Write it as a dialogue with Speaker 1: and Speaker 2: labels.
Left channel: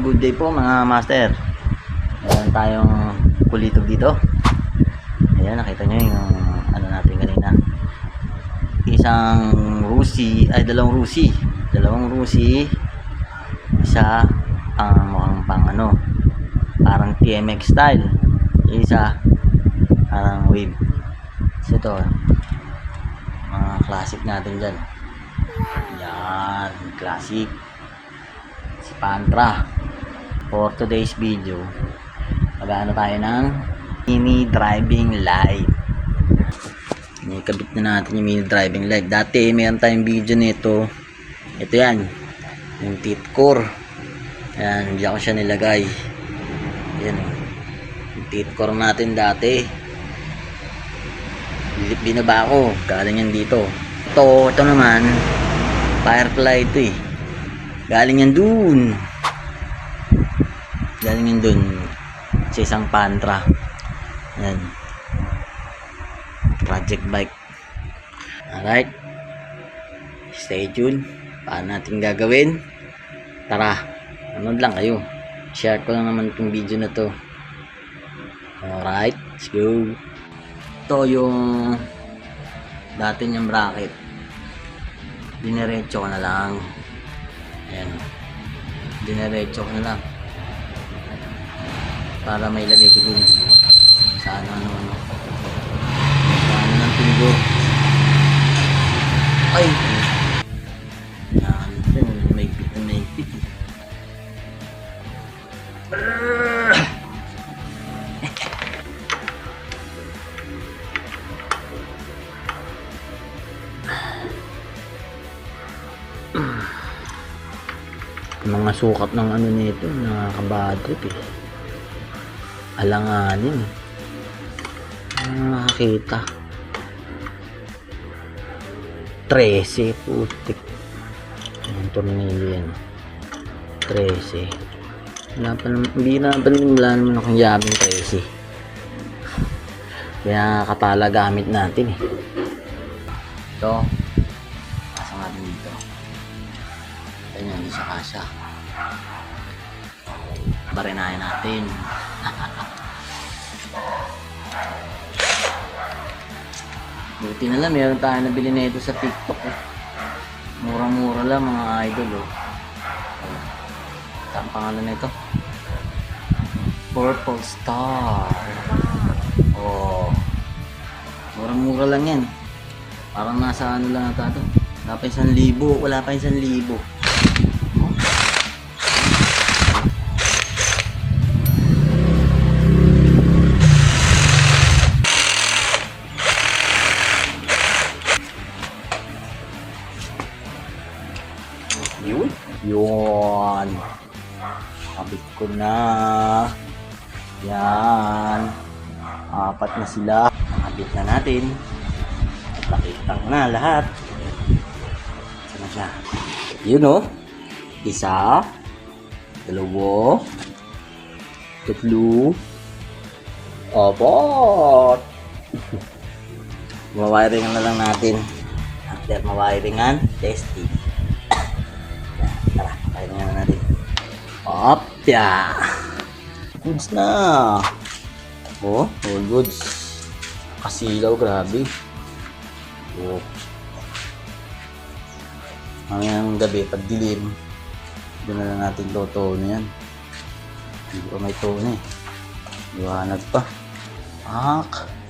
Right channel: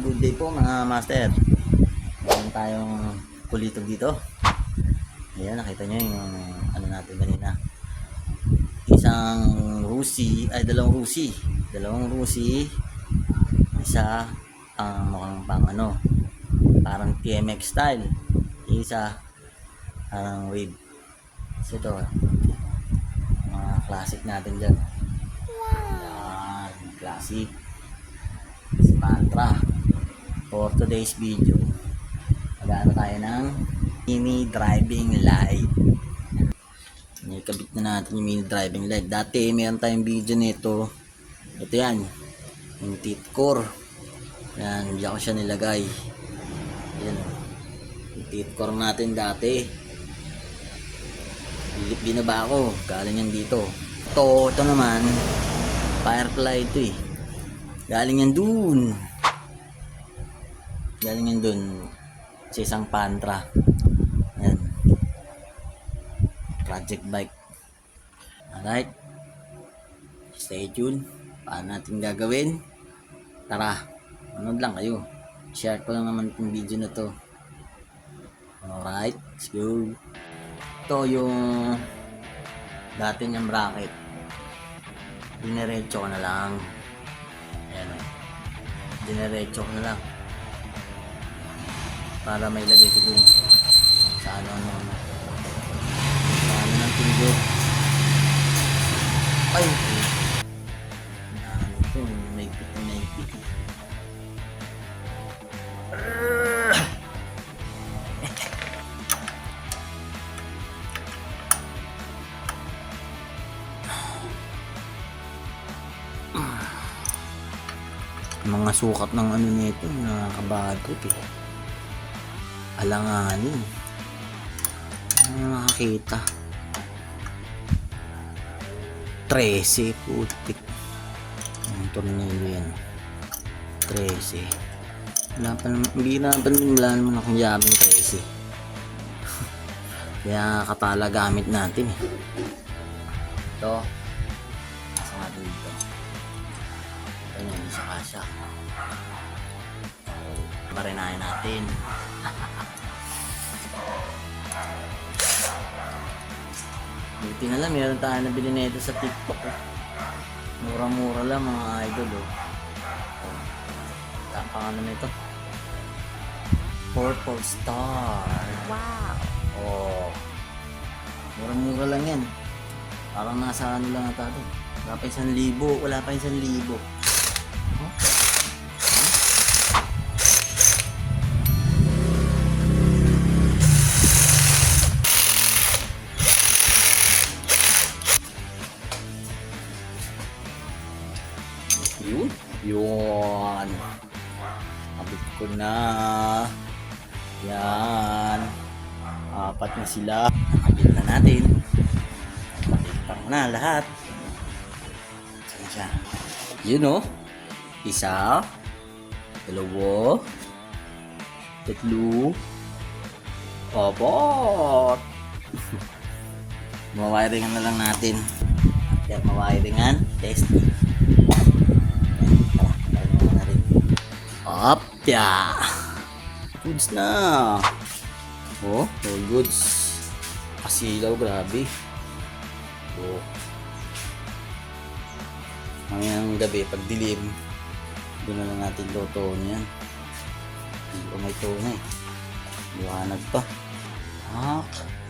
Speaker 1: good day po mga master. Meron tayong kulitog dito. Ayan, nakita nyo yung ano natin kanina. Isang Rusi, ay dalawang Rusi. Dalawang Rusi. Isa ang mukhang pang ano, parang TMX style. Isa parang wave. So ito, mga classic natin dyan. Yan, classic si Pantra for today's video magano tayo ng mini driving light Inikabit na natin yung mini driving light dati mayroon tayong video nito. Ito yan yung teeth core. Yan hindi ako siya nilagay. Yan yung teeth core natin dati. Binaba ko galing yan dito. Ito ito naman firefly ito eh. Galing yan dun. Galing yan dun. Sa isang pantra. Yan. Project bike. Alright. Stay tuned. Paano natin gagawin? Tara. Ano lang kayo. Share ko lang naman itong video na to. Alright. Let's go. Ito yung dati niyang bracket. Diniretso ko na lang. Ayan. Dinerecho ko na lang. Para may lagay ko dun. Sa ano ano ano. Sa ano ng tubo. Ay! Yan. May pit may pit. mga sukat ng ano nito nakakabadrip eh alanganin. Ano makakita? 13 putik. Ang tornilyo yan? 13 wala pa naman hindi na pa naman wala naman akong yabing 13 kaya kapala gamit natin eh. Ito. Nasa nga dito Ganyan, hindi siya. Kasha. Barinayan natin. Buti na lang, meron tayo nabili na ito sa TikTok. eh. Mura-mura lang mga idol. Oh. Ito ang pangalan na ito. Purple Star.
Speaker 2: Wow.
Speaker 1: Oh. Mura-mura lang yan. Parang nasa ano lang ata ito. Wala pa isang libo. Wala pa isang libo. Yun. Kapit ko na. Yan. Apat na sila. Nakabit na natin. Nakitang na lahat. Saan siya? Yun o. Isa. Dalawa. Tatlo. Apat. Mawiringan na lang natin. After mawiringan, testing. Up, ya. Goods na. Oh, all goods. Kasilaw, grabe. Oh. Ngayon gabi, pag dilim, doon na lang natin toto na yan. Hindi pa may tone eh. Liwanag pa. Ak.